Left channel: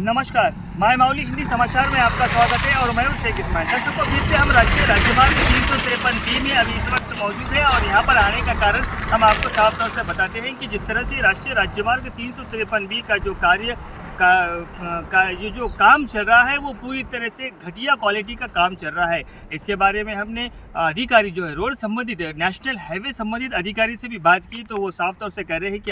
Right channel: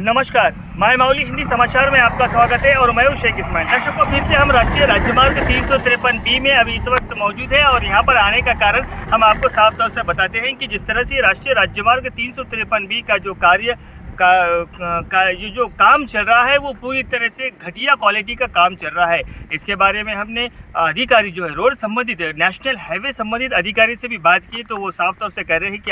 नमस्कार, माय माउली हिंदी समाचार में आपका स्वागत है और मैं हूं शेख इस्माइल। दर्शकों, फिर से हम राष्ट्रीय राजमार्ग 353B में अभी इस वक्त मौजूद है और यहां पर आने का कारण हम आपको साफ तौर से बताते हैं कि जिस तरह से राष्ट्रीय राजमार्ग 353B का जो कार्य ये जो काम चल रहा है वो पूरी तरह से घटिया क्वालिटी का काम चल रहा है। इसके बारे में हमने अधिकारी जो है रोड संबंधित नेशनल हाईवे संबंधित अधिकारी से भी बात की तो वो साफ तौर से कह रहे हैं कि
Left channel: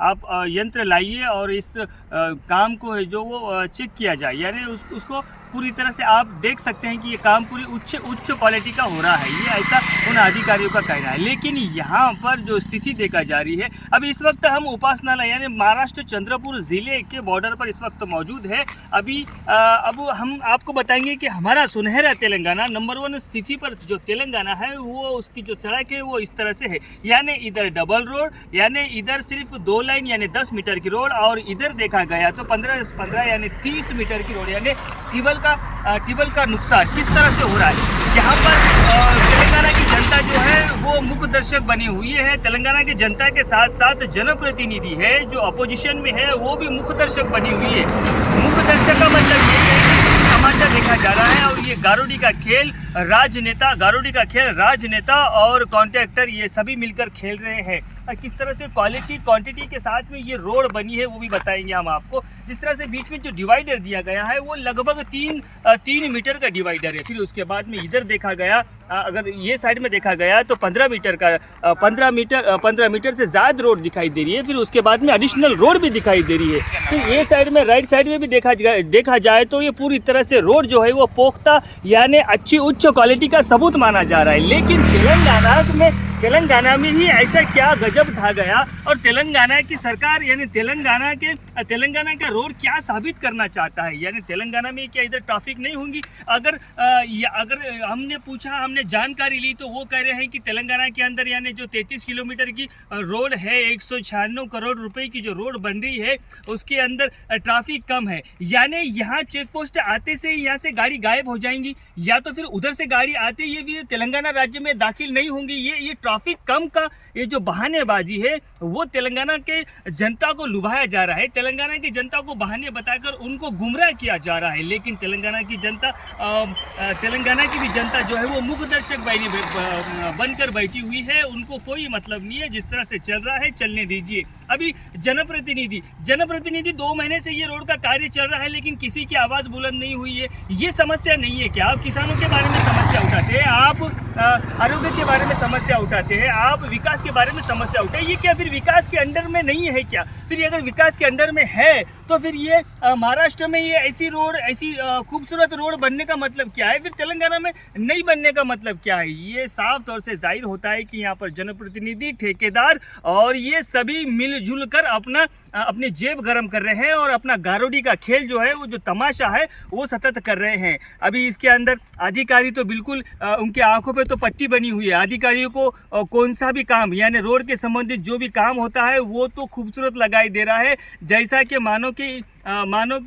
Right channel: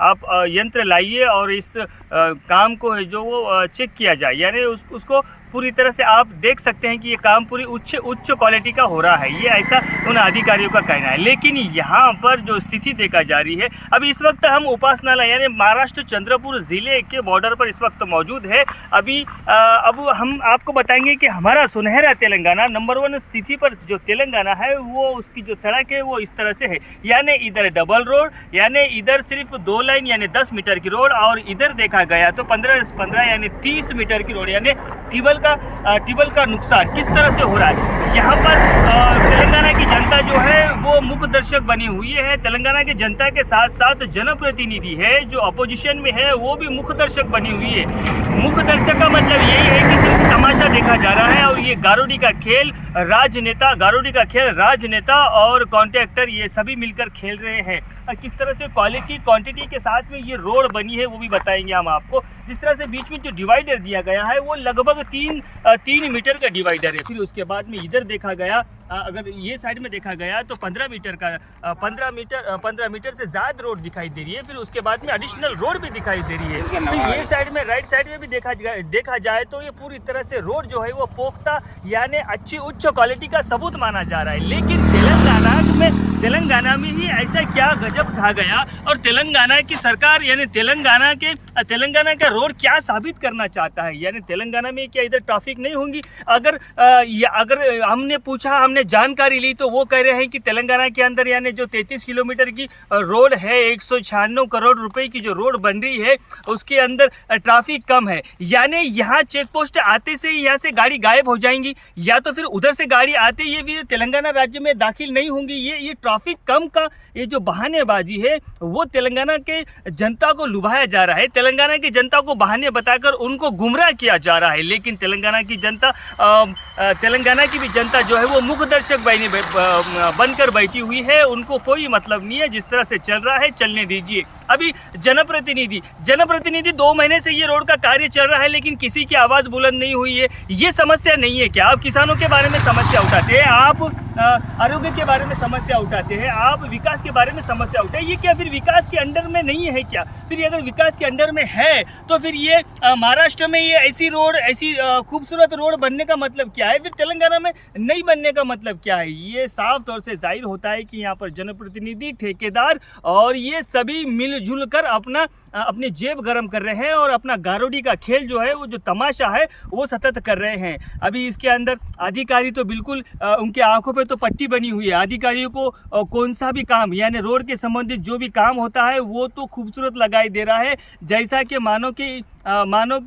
आप यंत्र लाइए और इस काम को है जो वो चेक किया जाए, यानी उसको पूरी तरह से आप देख सकते हैं कि ये काम पूरी उच्च क्वालिटी का हो रहा है, ये ऐसा उन अधिकारियों का कहना है। लेकिन यहाँ पर जो स्थिति देखा जा रही है, अभी इस वक्त हम उपासनालय यानी महाराष्ट्र चंद्रपुर ज़िले के बॉर्डर पर इस वक्त मौजूद है। अब हम आपको बताएंगे कि हमारा सुनहरा तेलंगाना नंबर 1 स्थिति पर जो तेलंगाना है वो उसकी जो सड़क है वो इस तरह से है, यानी इधर डबल रोड, यानी इधर सिर्फ 2 लाइन यानी 10 मीटर की रोड और इधर देखा गया तो 15 यानी 30 मीटर की रोड, यानी टिबल का नुकसान किस तरह से हो रहा है। यहाँ पर तेलंगाना की जनता जो है वो मुख्य दर्शक बनी हुई है। तेलंगाना की जनता के साथ साथ जनप्रतिनिधि है जो अपोजिशन में है वो भी मुख्य दर्शक बनी हुई है। मुख्य दर्शक का मतलब ये है कि तमाशा देखा जा रहा है और ये गारोडी का खेल राजनेता और कॉन्ट्रैक्टर ये सभी मिलकर खेल रहे हैं। किस तरह से क्वालिटी क्वांटिटी के साथ में ये रोड बनी है वो भी बताएंगे हम आपको। जिस तरह से बीच में जो डिवाइडर दिया गया है वो लगभग 3 मीटर का डिवाइडर है। फिर उसके बाद में इधर देखा गया, अगर ये साइड में देखा गया तो 15 मीटर से ज़्यादा रोड दिखाई दे रही है। फिर उसके बाद में एडिशनल रोड भी दिखाई दे रही है। फिर ये साइड में राइट साइड में भी देखा जाए तो ये पूरी तरह से रोड जो है वो पोख्ता यानी अच्छी उच्च क्वालिटी का सबूत माना जा रहा है। लेकिन तेलंगाना में ही ऐसा क्या गजब ढा गया और तेलंगाना की सरकार यानी तेलंगाना का रोड क्या साबित करना चाहता है, यानी तेलंगाना में क्या इधर ट्रैफिक नहीं होंगी। अगर हमने जानकारी ली तो वो कह रहे हैं कि तेलंगाना के अंदर यानी जो 33 किलोमीटर की रोड है, 196 करोड़ रुपए की जो रोड बन रही है उसके अंदर ट्रैफिक कम है, यानी यहाँ चेक पोस्ट आते से यहाँ से गाड़ी गायब हो जाएंगी या तो फिर उधर से गाड़ी आते ये भी तेलंगाना राज्य में दाखिल नहीं होंगी। ये ट्रैफिक कम का ये जो बहानेबाजी है वो तेलंगाना के जनता को लुभाया जा रहा है, तेलंगाना की जनता को बहाने बताकर उनको गुमराह किया जा रहा है। लेकिन तेलंगाना की भी जनता जो है वो मुख्य दर्शक बनकर बैठी हुई है, उनको कोई मतलब नहीं है। जिस तरह से चल रहा है चलने दीजिए। अभी जनप्रतिनिधि 2 महीने से ये रोड का कार्य चल रहा है लेकिन किसी की आवाज़ बुलंद नहीं हुई है। ये समस्या नहीं है क्या? आप किसानों के बारे में समस्या उठाते हैं, आप आरोग्य के बारे में समस्या उठाते हैं, आप विकास के बारे में समस्या उठाए, ये क्या फिर विकास के अंडर में नहीं है क्या? फिर अगर विकास के अंडर में है तो फिर ये महाराष्ट्र में ये ऐसी खूबसूरत रोड बनने का मतलब क्या है? फिर तेलंगाना में नहीं बनने का मतलब क्या है? ये साफ तौर से जाहिर होता है कि यहाँ पर जनप्रतिनिधि, ठेकेदार और ये सभी मिलजुल कर अपनी जेब गर्म कर रहे हैं और अपना गारोडी का खेल जो है वो जो तमाशा है वो सतत कर रहे हैं। अभी इसके अंदर अधिकारी तो बिल्कुल उनके आंखों पे तो पट्टी बनी हुई है। अधिकारियों को कौन सा भी काम यानी रोड के संबंधित जो भी काम होता है वो तो खूबसूरत लगाई दे रहा है, जैसा कि मानो कि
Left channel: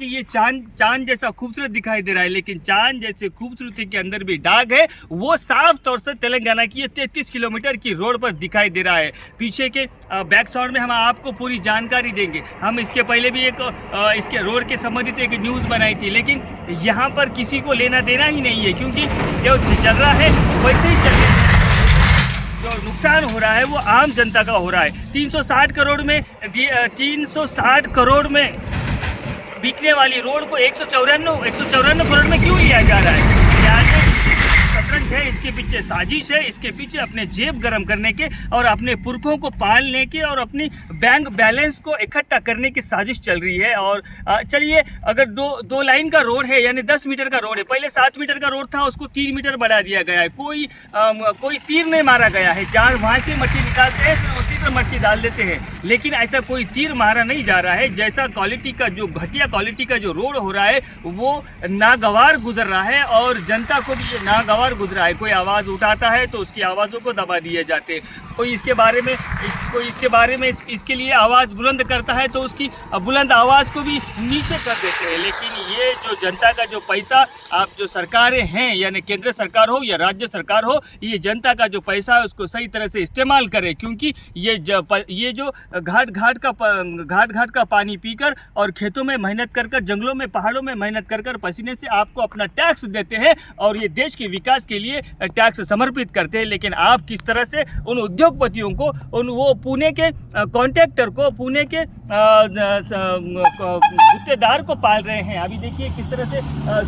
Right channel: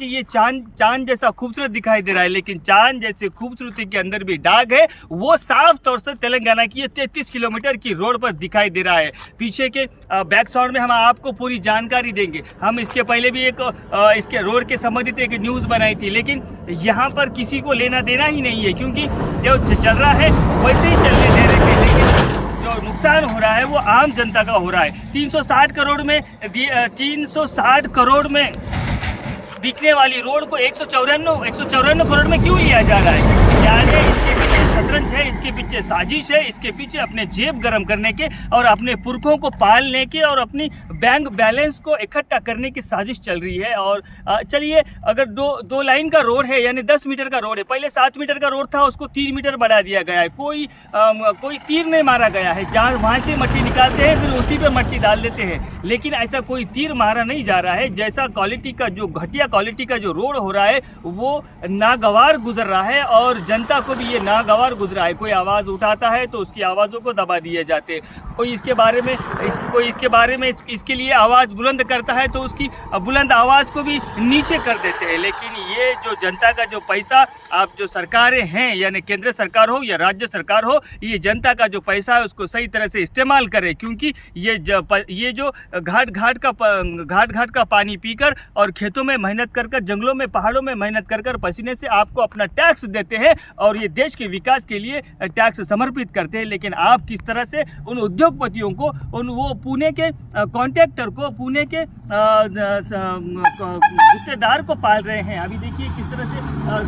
ये चांद जैसा खूबसूरत दिखाई दे रहा है, लेकिन चांद जैसे खूबसूरती के अंदर भी दाग है। वो साफ तौर से तेलंगाना की ये 33 किलोमीटर की रोड पर दिखाई दे रहा है। पीछे के बैक साउंड में हम आपको पूरी जानकारी देंगे। हम इसके पहले भी इसके रोड के संबंधित एक न्यूज़ बनाई थी, लेकिन यहाँ पर किसी को लेना देना ही नहीं है क्योंकि जो चल रहा है वैसे ही चलने दे रहे थे। लेकिन जो नुकसान हो रहा है वो आम जनता का हो रहा है। 360 करोड़ में बिकने वाली रोड को 154 करोड़ में क्यों लिया जा रहा है? यानी इसके पीछे शतरंज है, इसके पीछे साजिश है, इसके पीछे अपने जेब गर्म करने के और अपने पुरखों को पालने के और अपनी बैंक बैलेंस को इकट्ठा करने की साजिश चल रही है। और चलिए, अगर दो लाइन का रोड है यानी 10 मीटर का रोड है, पहले 7 मीटर का रोड था उसको 3 मीटर बढ़ा दिया गया है। कोई तीर नहीं मारा गया है, जहाँ वहाँ से मट्टी निकालते हैं फिर उसी पर मट्टी डाल देते हैं, लेकिन ऐसा कोई तीर मारा नहीं जा रहा है। जैसा घटिया क्वालिटी का जो रोड हो रहा है वो नागवार गुजर रहा है और जनता को भी ये नागवार गुजरा है। कोई आवाज़ उठाता है तो उसकी आवाज़ों को दबा दिए जाते हैं। कोई इसके बारे में इसके लिए आवाज़ बुलंद करता है तो उसकी बुलंद आवाज़ को भी नीचे कर देते हैं। लेकिन ये जो जनता का जो पैसा, आप जो सरकारें हैं यानी केंद्र सरकार हो या राज्य सरकार हो, ये जनता का जो पैसा है उसको सही तरह से इस्तेमाल करें, क्योंकि ये जो घाट घाट का पानी पीकर और खेतों में मेहनत कर कर, जंगलों में पहाड़ों में मेहनत कर कर पसीने से आपको अपना टैक्स देते हैं और ये देश के विकास के लिए टैक्स समर्पित करते हैं। लेकिन आप किस तरह से उन उद्योगपतियों को, वो पुणे के कॉन्ट्रैक्टर को, पुणे के गुत्तेदार को पाल रहे हैं। अभी देखिए किस तरह से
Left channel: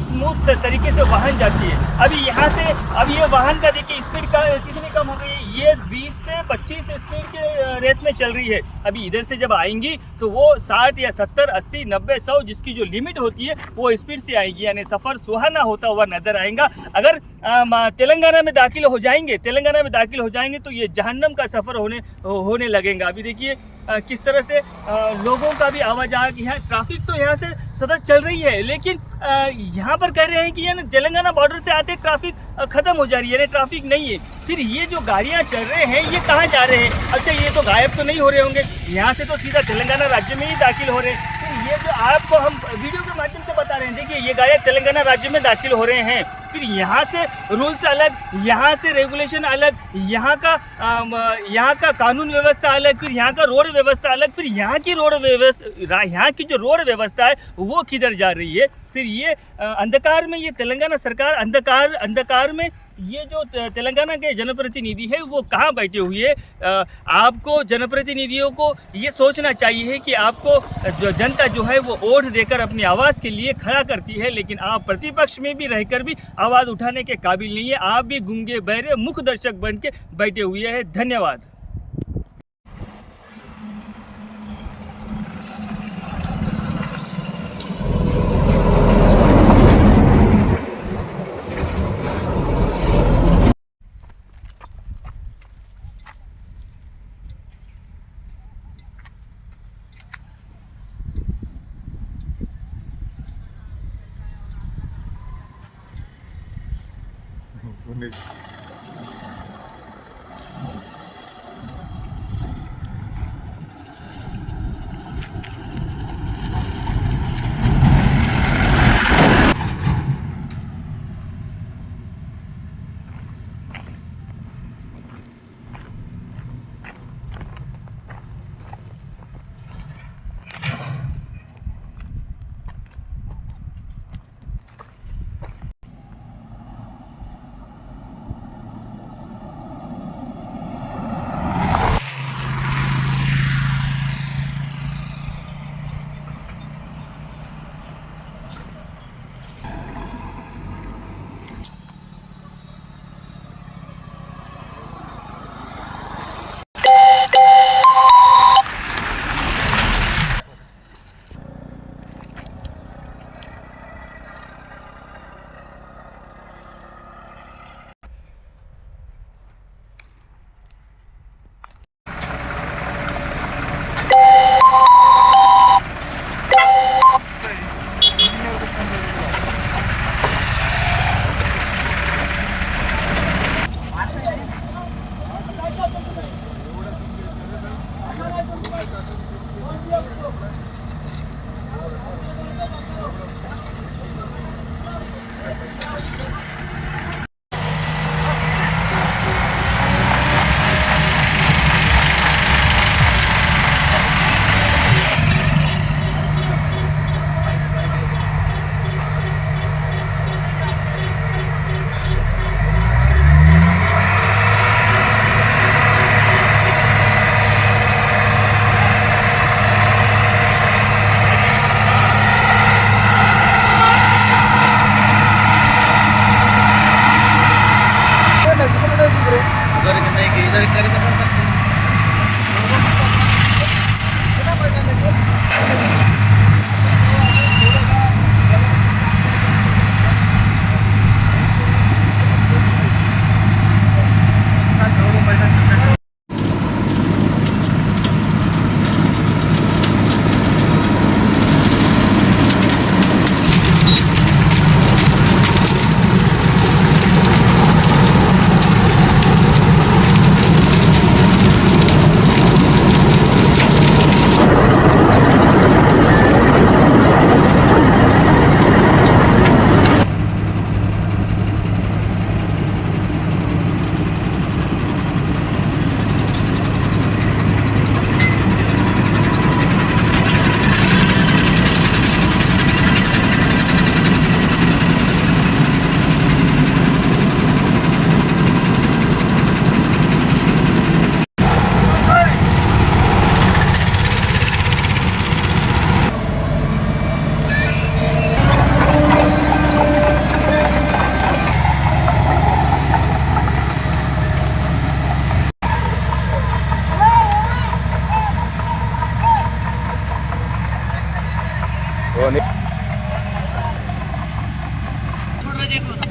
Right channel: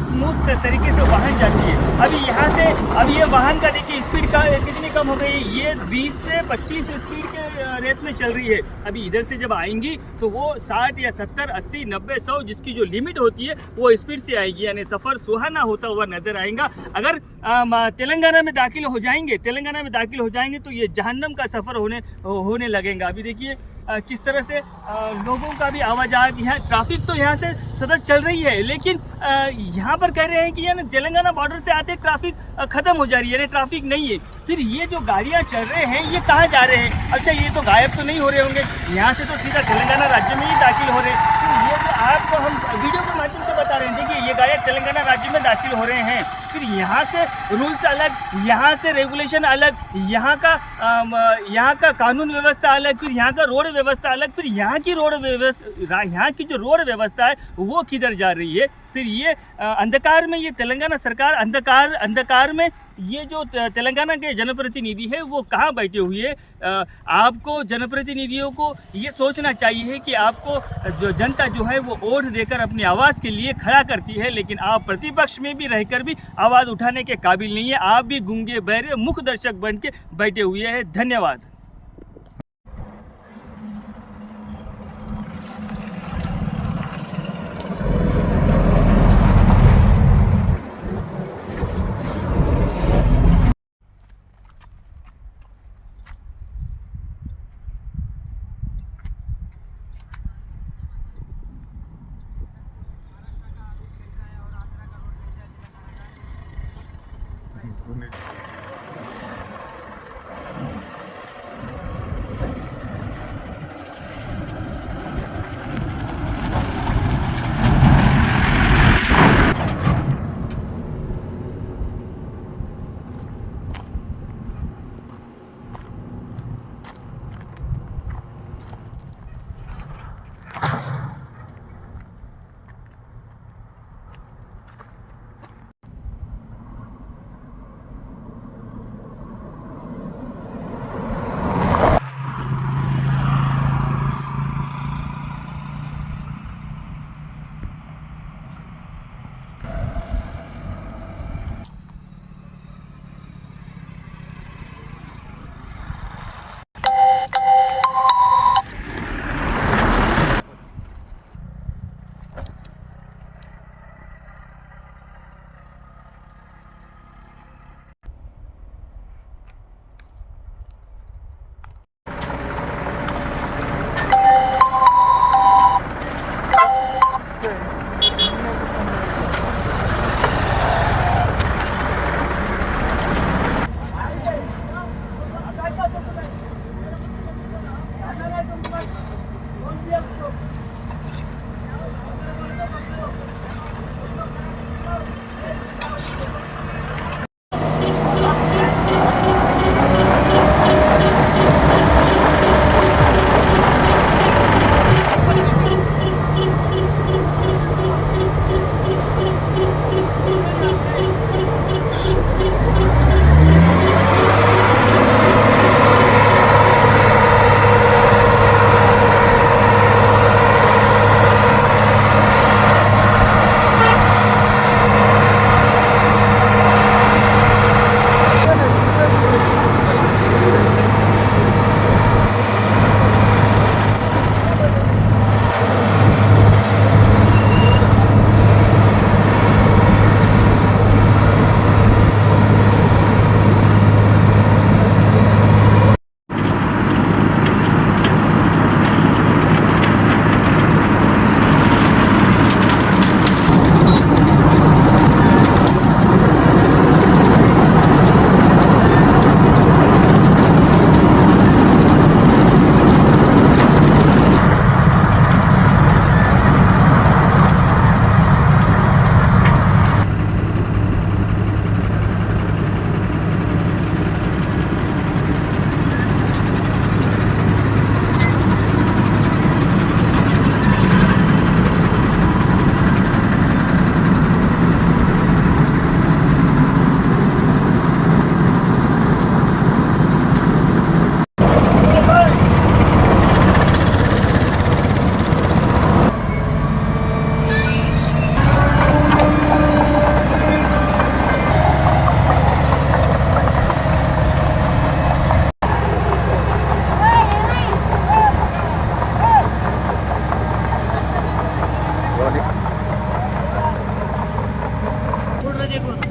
स्मूथ तरीके से वाहन जाती है। अभी यहाँ से, अब ये वाहन का देखिए स्पीड का कितनी कम हो गई, ये 20 से 25 स्पीड के रेस में चल रही है। अभी इधर से जब आएंगी तो वो 60 या 70, 80, 90, 100 जिसकी जो लिमिट होती है वो स्पीड से आएगी, यानी सफ़र सुहाना होता हुआ नजर आएगा। अगर तेलंगाना में दाखिल हो जाएंगे तो ये जहन्नम का सफ़र होने लगेगा। अभी देखिए किस तरह से लोगों का भी आवाजाही है। ट्रैफिक तो यहाँ से सतत चल रही है, लेकिन यहाँ पर कह रहे हैं कि यानी तेलंगाना बॉर्डर से आते ट्रैफिक ख़त्म हो जा रही है, यानी ट्रैफिक नहीं है। फिर ये जो गाड़ियाँ चल रहे हैं ये कहाँ जा रहे हैं? अच्छा, ये तो गायब तो नहीं हो रहे होंगे, यहाँ से तो सीधा तेलंगाना राज्य में ही दाखिल हो रहे हैं। फिर ये जो आपको हम वीडियो के माध्यम से बता रहे हैं, देखिए ये गाड़ियाँ तेलंगाना राज्य में दाखिल हो रहे हैं। फिर यहाँ से रूल्स अलग, यहाँ से रेगुलेशन अलग, यहाँ का कानून व्यवस्था अलग, फिर यहाँ का रोड व्यवस्था अलग, फिर यहाँ की जो रोड व्यवस्था है वो किधर जा रही है? फिर ये अंधकार में, ये तेलंगाना सरकार अंधकार में, ये जो तेलंगाना के जनप्रतिनिधि है वो कहाँ बैठे हुए हैं? आपको जनप्रतिनिधियों को ये सोचना चाहिए कि आपको जो जनता जो है वो वोट देकर अपनी आवाज़ के लिए खड़ा करती है, लेकिन आप प्रतिपक्ष में भी रहकर भी आवाज़ उठाने के काबिल नहीं है। आप भी गूंगे बहरे मुख दर्शक बन के बैठे हुए हैं। धन्यवाद। देखो